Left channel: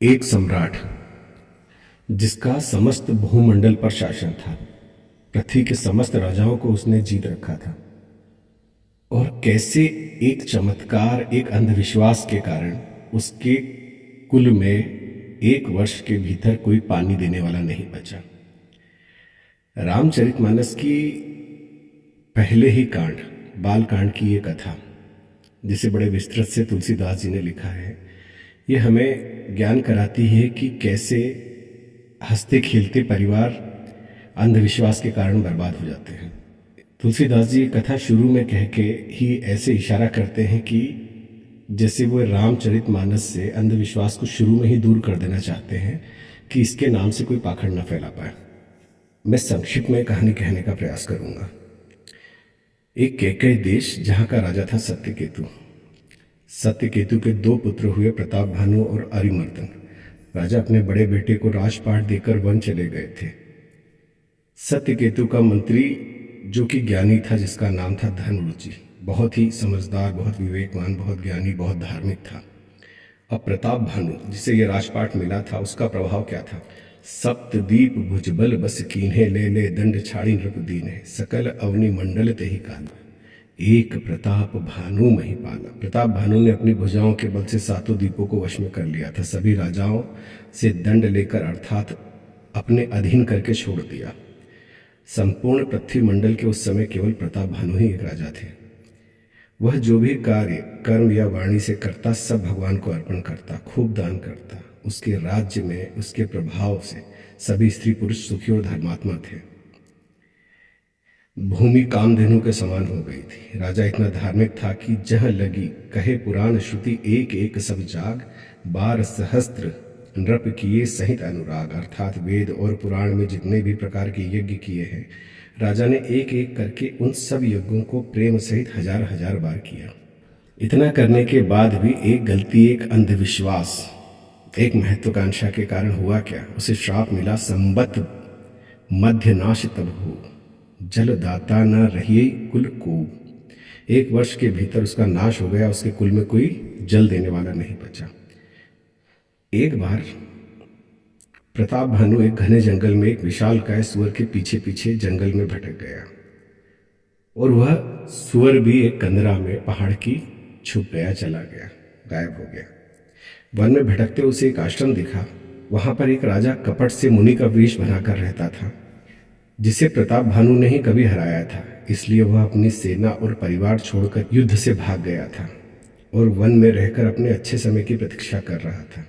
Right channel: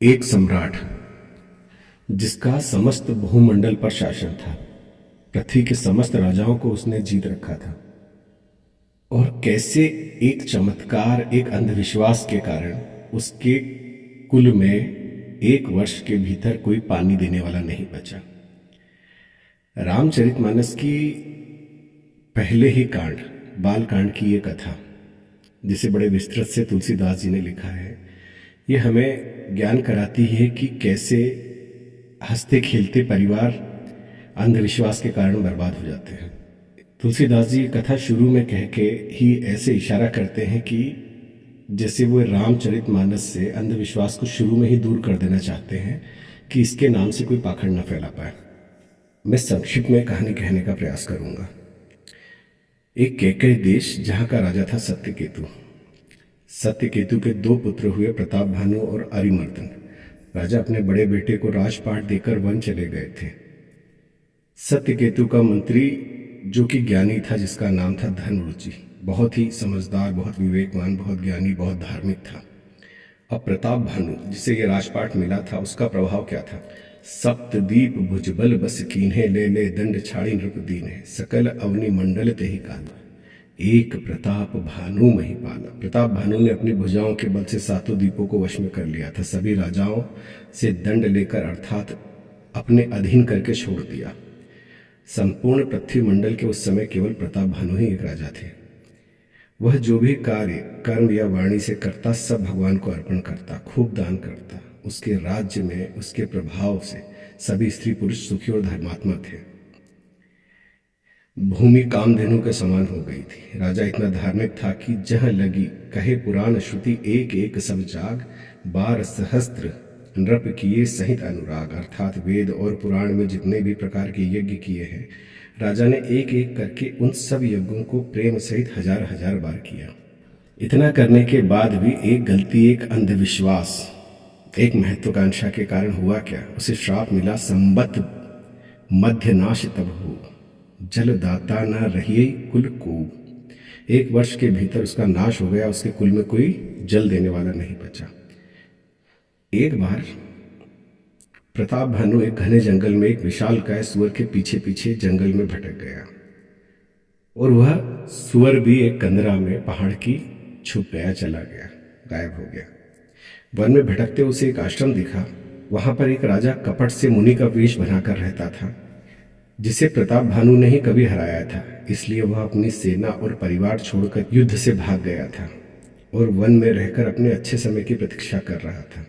एक सम्राट जिसका समस्त भूमंडल पर शासन था। पृथ्वी के समस्त राजाओं को उसने जीत रखा था। और कैसे एक चमत्कार, एक अंधविश्वास के कारण उसके कुल में एक वर्ष के भीतर कोई पानी देने वाला नहीं बचा। रामचरितमानस की पहले ही कांड, बाल कांड की ये कथा, जिसे बड़े विस्तृत से तुलसीदास जी ने लिखा है, ये हमें ज्ञान कराती है कि कैसे हंसते खेलते परिवार अंधविश्वास के कारण बर्बाद हो जाते हैं। तुलसीदास जी कथा शुरू में कह के ही ऐसे इशारा करते हैं कि जैसे वो रामचरितमानस से अंधविश्वास को शुरू में ही दूर कर देना चाहते हैं कि इसके नाम से कोई पाखंड न फैला पाए। मैं संक्षिप्त में कहानी कहने का प्रयास करूंगा। एक कैकेयी देश, जहां का राजा था सत्यकेतु। सत्यकेतु के दो पुत्र हुए, प्रताप भानु और अरिमर्दन। राजा अपने बड़े बेटे को राजपाट देकर वन चले गए थे। सत्यकेतु का मंत्री, जो कि ज्ञानी था, जिसका नाम था धनरुचि, बहुत ही समझदार, बहुत विवेकवान, बहुत ज्ञानी, बहुत धार्मिक था। अब प्रताप भानु, जिसे यह राजपाट मिला था, उसका प्रभाव क्या था? सप्तदीप भुजबल बस कीन्हे, ले ले दंड छाड़ी नृप दीन्हे, सकल अवनि मंडल ते ही काला, एक प्रताप भानु महिपाला। प्रताप भानु ने अपनी भुजाओं के बल से सातों द्वीपों को वश में कर लिया था। सभी राजाओं से दंड लेकर, अर्थात अपने अधीन करके छोड़ दिया। संपूर्ण पृथ्वी मंडल के उस समय केवल प्रताप भानु ही एक राजा थे। वह जो भी कार्य, कर्म या वाणी से करता, सब भगवान को अर्पण करता, खूब दान करता। उसके राज्य में, उसके प्रभाव से सभी स्त्री पुरुष सुखी और धर्मात्मा थे। भूमि कामधेनु के समान हो गई थी। राजा इतना धार्मिक था कि जहाँ लगी कहे पुराण श्रुति, एक एक सब जाग, 12 सहस्त्र नृप किए सहित अनुराग। अर्थात वेद और पुराण में जितने भी प्रकार के यज्ञ किए हैं, राजा ने एक एक करके उन सब यज्ञों को प्रेम सहित हजार हजार बार किया। इतना करने के बाद भी एक गलती, एक अंधविश्वास, एक महत्वाकांक्षा के कारण हुआ क्या? उसे श्राप मिला, संबत मध्य नाश तब हो, जल दाता न रहिए कुल को। एक वर्ष के भीतर उसका नाश हो गया, उसके कुल में कोई जल देने वाला नहीं बचा। एक बार प्रताप भानु एक घने जंगल में एक विशालकाय सुअर के पीछे पीछे जंगल में भटक गया, और वह सुअर भी एक कंदरा में पहाड़ की छुप गया, चला गया, गायब हो गया। वन में भटकते उसे एक आश्रम दिखा। वहां पर एक राजा कपट से मुनि का वेश बनाकर रहता था, जिसे प्रताप भानु ने ही कभी हराया था। इसलिए वह अपनी सेना और परिवार छोड़कर युद्ध से भाग गया था और वन में रहकर अपने अच्छे समय की प्रतीक्षा कर रहा था।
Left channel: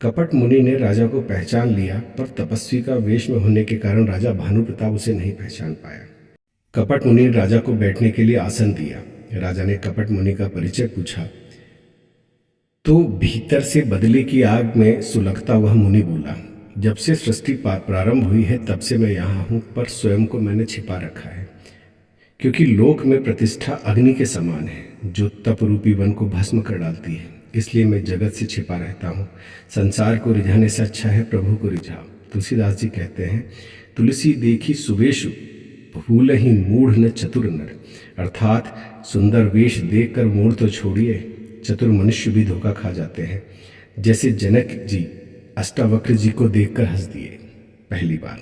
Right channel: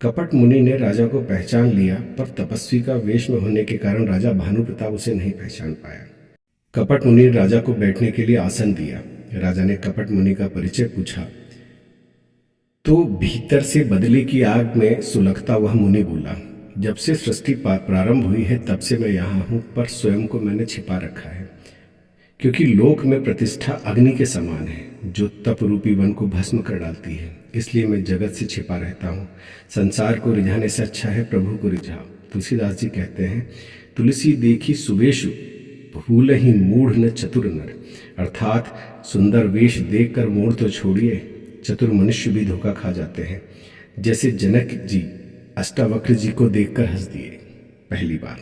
कपट मुनि ने राजा को पहचान लिया, पर तपस्वी का वेश में होने के कारण राजा भानु प्रताप उसे नहीं पहचान पाया। कपट मुनि ने राजा को बैठने के लिए आसन दिया। राजा ने कपट मुनि का परिचय पूछा तो भीतर से बदले की आग में सुलगता वह मुनि बोला, जब से सृष्टि प्रारंभ हुई है तब से मैं यहाँ हूँ, पर स्वयं को मैंने छिपा रखा है, क्योंकि लोक में प्रतिष्ठा अग्नि के समान है, जो तप रूपी वन को भस्म कर डालती है। इसलिए मैं जगत से छिपा रहता हूँ। संसार को रिझाने से अच्छा है प्रभु को रिझाओ। तुलसीदास जी कहते हैं, तुलसी देखी सुवेशु भूल ही मूढ़ न चतुर नर। अर्थात सुंदर वेश देखकर मूढ़ तो छोड़िए, चतुर मनुष्य भी धोखा खा जाते हैं। जैसे जनक जी अष्टावक्र जी को देखकर हंस दिए, पहली बार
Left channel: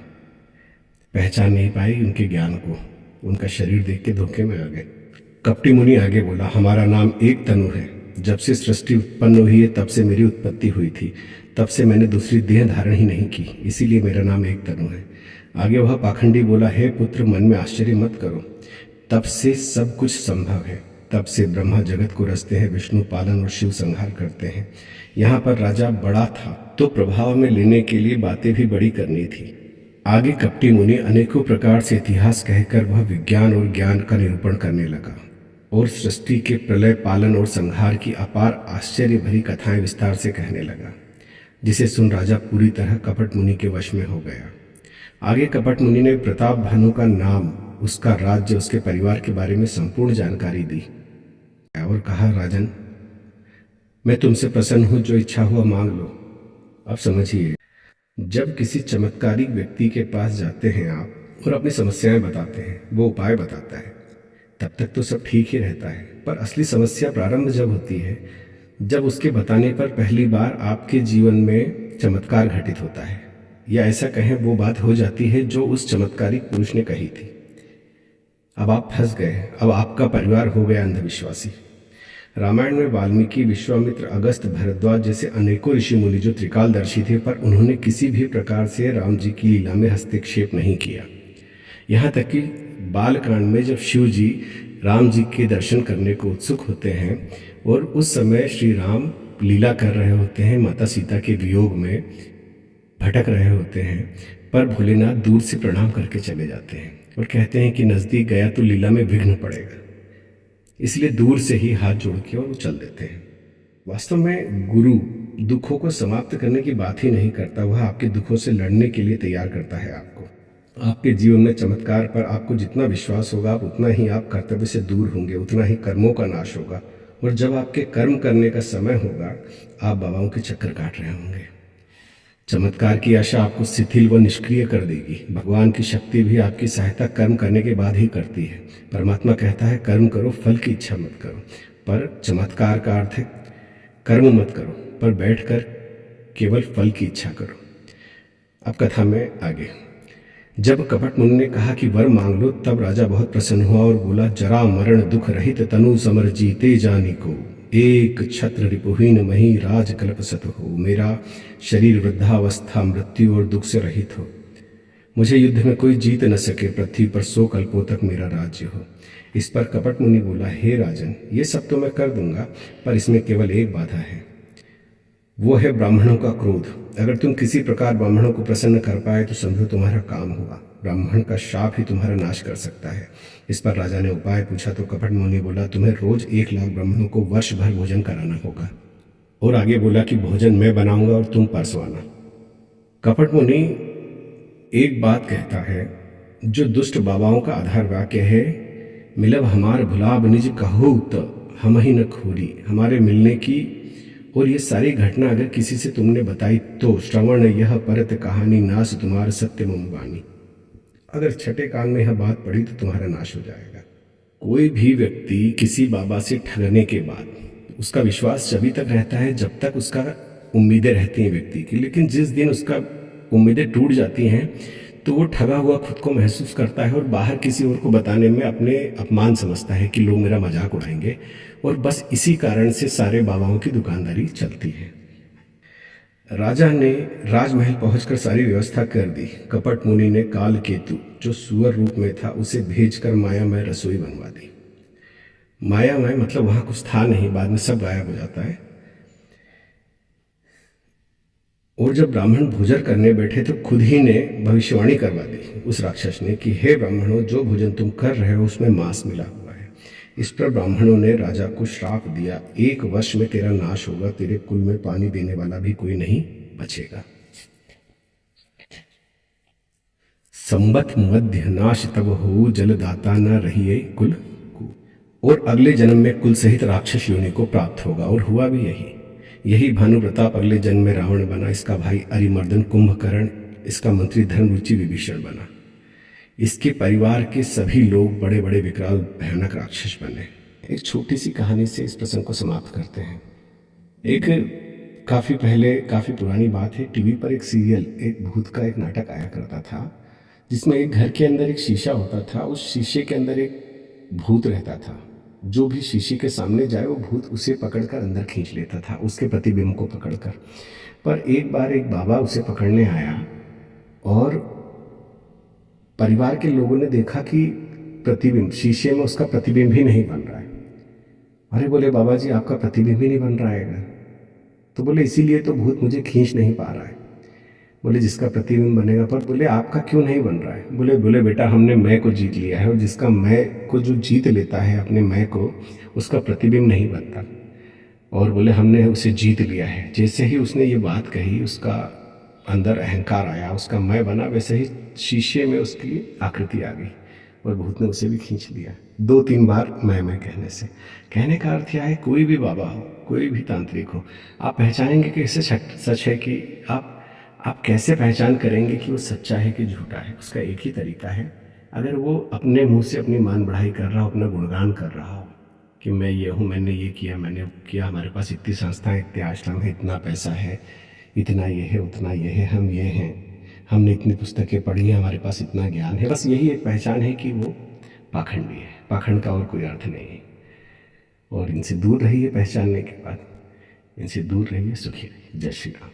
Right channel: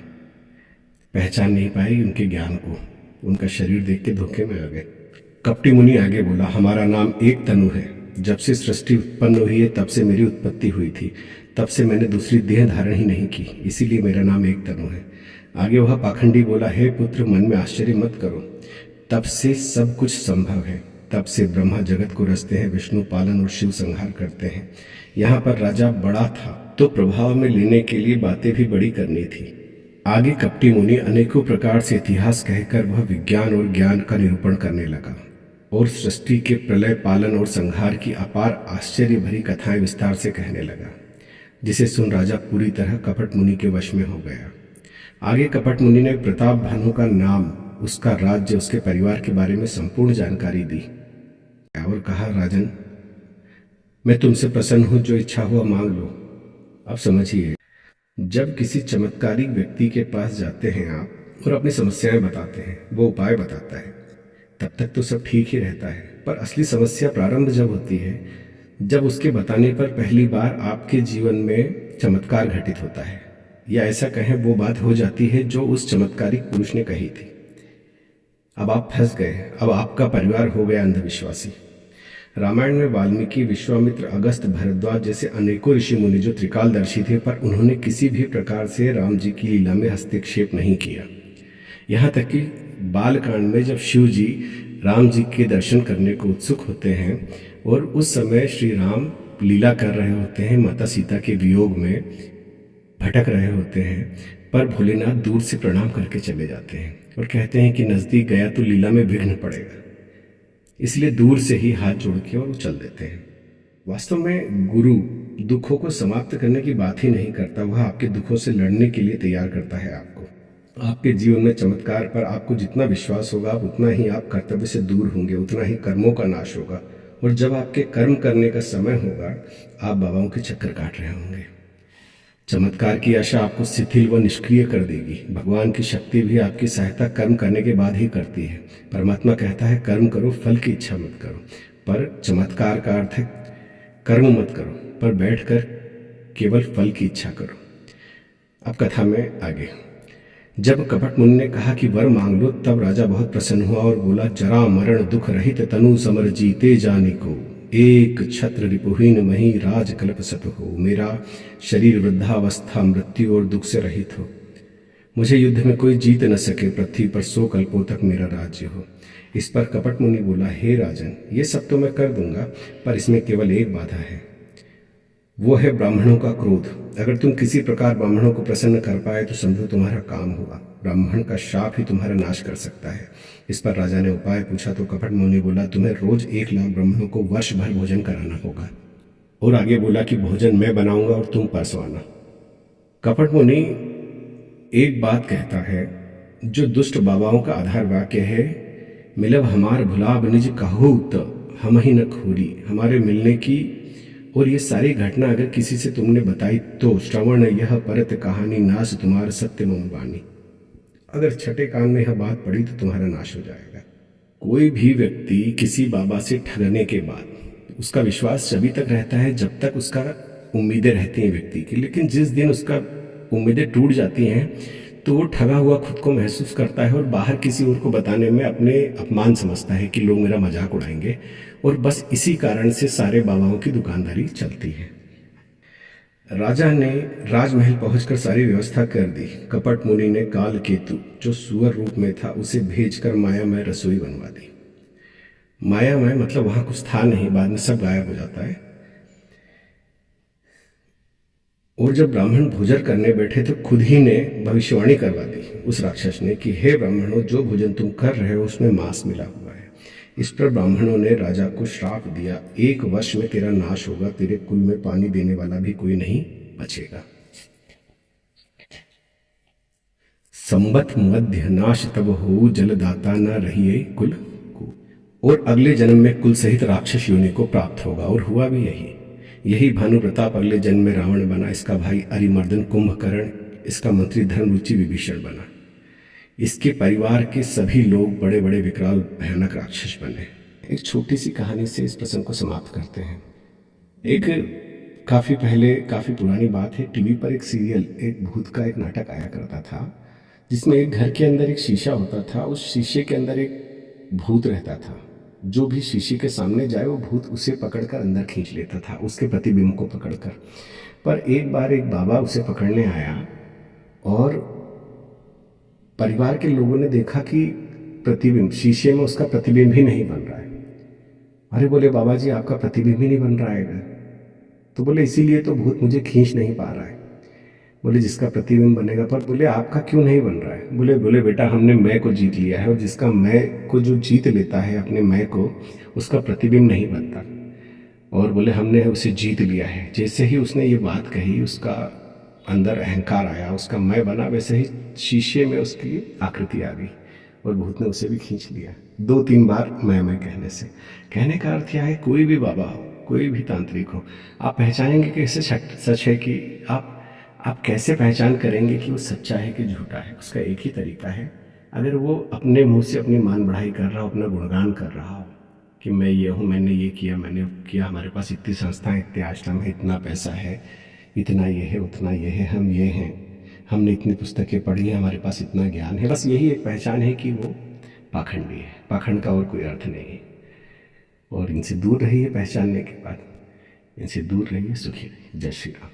पहचान नहीं पाई उनके ज्ञान को, उनका शरीर देख के धोखे में आ गए। कपटी मुनि आगे बोला, हमारा नाम एक तनु है। जब से सृष्टि उत्पन्न हुई है तब से मेरी उत्पत्ति हुई थी, तब से मैंने दूसरी देह धारण ही नहीं की, इसीलिए मेरा नाम एक तनु है। आगे वह पाखंडी बोला, हे पुत्र, मन में आश्चर्य मत करो, तब से सब कुछ संभव है। तब से ब्रह्मा जगत को रचते हैं, विष्णु पालन और शिव संहार करते हैं। यहाँ पर राजा बड़ा था तो प्रभाव में लेने के लिए बातें भी बड़ी करनी थी। आगे कपटी मुनि अनेकों प्रकार से इतिहास कहकर वह विज्ञान और ज्ञान का निरूपण करने लगा और सृष्टि के प्रलय, पालन और संहार की अपार आश्चर्य भरी कथाएं विस्तार से कहने लगा, जिसे सुन राजा पूरी तरह कपट मुनि के वश में हो गया। आगे कपट मुनि ने प्रताप भानु का नाम, उसका राज्य, उसके परिवार के बारे में संपूर्ण जानकारी दी और कहा, राजन, मैं तुमसे प्रसन्न हूं, जो इच्छा हुआ मांग लो। अब समझिए, जब किसी चमत्कारिक व्यक्ति के पास जाते हैं आप और अपनी समस्याएं बताते हैं, वो उपाय बताता है, तब तक तो सब ठीक ही रहता है, पर असली समस्या प्रारंभ जब होती है जब उसके बताने पर पहली बार आपके जीवन में चमत्कार घटित होता है, या ऐसा कहें वो बात हो जाती है जो उस चमत्कारिक पुरुष ने कही थी। अब आप फंस गए, अब आपका परिवार हो गया अंधविश्वासी। रामायण में वाल्मीकि, विश्वामित्र, अगस्त, भरद्वाज जैसे अनेकों ऋषि मुनि जो त्रिकालदर्शी थे, पर उन्होंने किसी भी प्रकार से राम जी की लीला में हस्तक्षेप नहीं किया। यहाँ तक कि बालकांड में जब शिव जी राम जी के दर्शन करने को उत्सुक होते हैं और उस समय श्री राम लीला कर रहे होते हैं, माता सीता के वियोग में भटक रहे होते हैं, पर भोलेनाथ दूर से प्रणाम करके चले जाते हैं और कहते हैं कि नज़दीक गया तो लीला में विघ्न पड़ेगा, इसलिए दूर से ही हाथ जोड़ के और वो चल देते हैं। वास्तव में गुरु दुखों को समाप्त करने की बात ही नहीं करता, वह आपके दुखों से लड़ने के लिए तैयार करता है आपको। आपके जीवन में चमत्कार पर आपको जितना विश्वास होगा, आप उतना ही आप कर्तव्य से दूर होंगे, उतना ही कर्मों का नाश होगा, और जब आपके कर्म करने का समय होगा, आप बाबाओं के चक्कर काट रहे होंगे। चमत्कार की आशा आपको शिथिल व निष्क्रिय कर देगी। भगवान की शक्ति भी आपकी सहायता कर्म करने के बाद ही करती है। परमात्मा कहता है कर्म करो, फल की इच्छा मत करो, पर चमत्कार का अर्थ है कर्म मत करो, पर बैठकर केवल फल की इच्छा करो। अब कथा में आगे। जब कपट मुनि ने कहा कि वर मांग लो, तब राजा बहुत प्रसन्न हुआ और बोला, जरा मरण दुख रहित तनु समर जीते जानी को, एक छत्र रिपुहीन मही राज कल्पसत हो, मेरा शरीर वृद्धावस्था मृत्यु और दुख से रहित हो, मुझे युद्ध में कोई जीत न सके, पृथ्वी पर 100 कल्पों तक मेरा राज्य हो। इस पर कपट मुनि बोला, हे राजन, ये सब तो मैं कर दूंगा, पर इसमें केवल एक बाधा है, वो है ब्राह्मणों का क्रोध। अगर तुम किसी प्रकार ब्राह्मणों को प्रसन्न कर पाए तो समझो तुम्हारा काम हुआ, ब्राह्मण का शाप ही तुम्हारा नाश कर सकता है। इस पर राजा ने उपाय पूछा तो कपट मुनि बोला, तुम्हें रोज 1 लाख ब्राह्मणों को वर्ष भर भोजन कराना होगा। और आगे बोला कि भोजन मैं बनाऊंगा और तुम परसवाना। कपट मुनि एक बात कहता है जो दुष्ट बाबाओं का आधार वाक्य है, मिलब हमार भुलाब निज कहू त हम ही न खोरी। हमारे मिलने की और ये सारी घटना अगर किसी से तुमने बताई तो श्रवण यह परत कहानी नाश तुम्हारा सत्य मम वाणी। अगर छठे कान में यह बात पड़ी तो तुम्हारा नाश हो जाएगा। कोई भी व्यक्ति किसी बाबा से ठगने के बाद उसका विश्वास तभी तक रहता है जब तक उसका उम्मीदें रहती हैं व्यक्ति की, लेकिन जिस दिन उसका उम्मीदें टूट जाती हैं तो वो ठगा हुआ खुद को महसूस करता है और बाहर किसी और को बताने में अपने अपमान समझता है कि लोग मेरा मजाक उड़ाएंगे, और बस इसी कारण से सारे बाबाओं की दुकानदारी चलती है। राजा ने राजमहल पहुंचकर सारी व्यवस्था कर दी। कपट मुनि ने कालकेतु जो सुअर रूप में था उसे भेजकर मायामय रसोई बनवा दी। मायामय मतलब वहां कुछ था नहीं, बाद में सब गायब हो जाता है। और जब ब्राह्मण भोजन करने बैठे तो खुद ही ने भविष्यवाणी करवा दी उस राक्षस ने कि हे ब्राह्मणों, जो भोजन तुम कर रहे हो उसमें मांस मिला हुआ है। इस पर ब्राह्मणों ने राजा को श्राप दिया, 1 वर्ष में तेरा नाश होगा, तेरे कुल में पानी देने वाला भी कोई नहीं बचेगा। संबत मध्य नाश तब हो, जलदाता न रहिए कुल को। और अगले जन्म में कुल सहित राक्षस योनि को प्राप्त होगा। और हुआ भी यही भानु प्रताप अगले जन्म में रावण बना, इसका भाई अरिमर्दन कुंभकर्ण, इसका मंत्री धर्मरुचि विभीषण बना। इसके परिवार के सभी लोग बड़े बड़े विकराल भयानक राक्षस बने। एक छोटी सी कहानी से इस प्रसंग को समाप्त करते हैं। एक काफ़ी पहले, काफ़ी पुरानी बात है, टीवी पर एक सीरियल, एक भूत का एक नाटक आया करता था, जिसमें एक घर के अंदर एक शीशा होता था। उस शीशे के अंदर एक भूत रहता था। जो भी शीशे के सामने जाए वो भूत उसे पकड़कर अंदर खींच लेता था, उसके प्रतिबिंब को पकड़कर। पर एक बार एक बाबा उसे पकड़ने आया और परिवार के लोगों ने देखा कि प्रतिबिंब, शीशे में उसका प्रतिबिंब ही नहीं बन रहा है। अरे बोले, बाबा जी आपका प्रतिबिंब ही नहीं बन रहा है। तो बोले इसीलिए तो भूत मुझे खींच नहीं पा रहा है। बोले जिसका प्रतिबिंब बनेगा। पर बोले आपका क्यों नहीं बन रहा है? बोले बेटा, हमने मैं को जीत लिया है, और जिसका मैं को जो जीत लेता है अपने मैं को, उसका प्रतिबिंब नहीं बनता। और बोले हमने उसे जीत लिया है। जैसे ही उसने ये बात कही, उसका अंदर अहंकार आया, उसका मैं बना, वैसे ही शीशे में उसकी आकृति आ गई और भूत ने उसे भी खींच लिया 2-3 बार मैं कहने से। कहने का अर्थ यह है, कोई भी बाबा हो, कोई भी तांत्रिक हो, आप पहचानेंगे कि इसे सच है कि आप कैसे पहचान करेंगे कि वो सच्चा है कि झूठा है? उसका एक ही तरीका है, अगर वो अपने मुंह से अपनी मान बढ़ाई कर रहा हो, अपना गुणगान कर रहा हो, कि मैं ये हूँ, मैंने ये किया, मैंने वो किया, हमारे पास इतनी संस्थाएं, इतने आश्रम है, इतना पैसा है, इतना ये है, उतना ये है, हम ये हैं, हमने इतनी पुस्तकें पढ़ी हैं, हमारे पास इतना ज्ञान है। बस यही एक पहचान है कि वो पाखंडी है। पाखंड का और कोई अर्थ नहीं है। और इनसे दूर रहिए, पहचानने के बाद इनसे दूर रहिए, सुखी रहिए। जय श्री राम।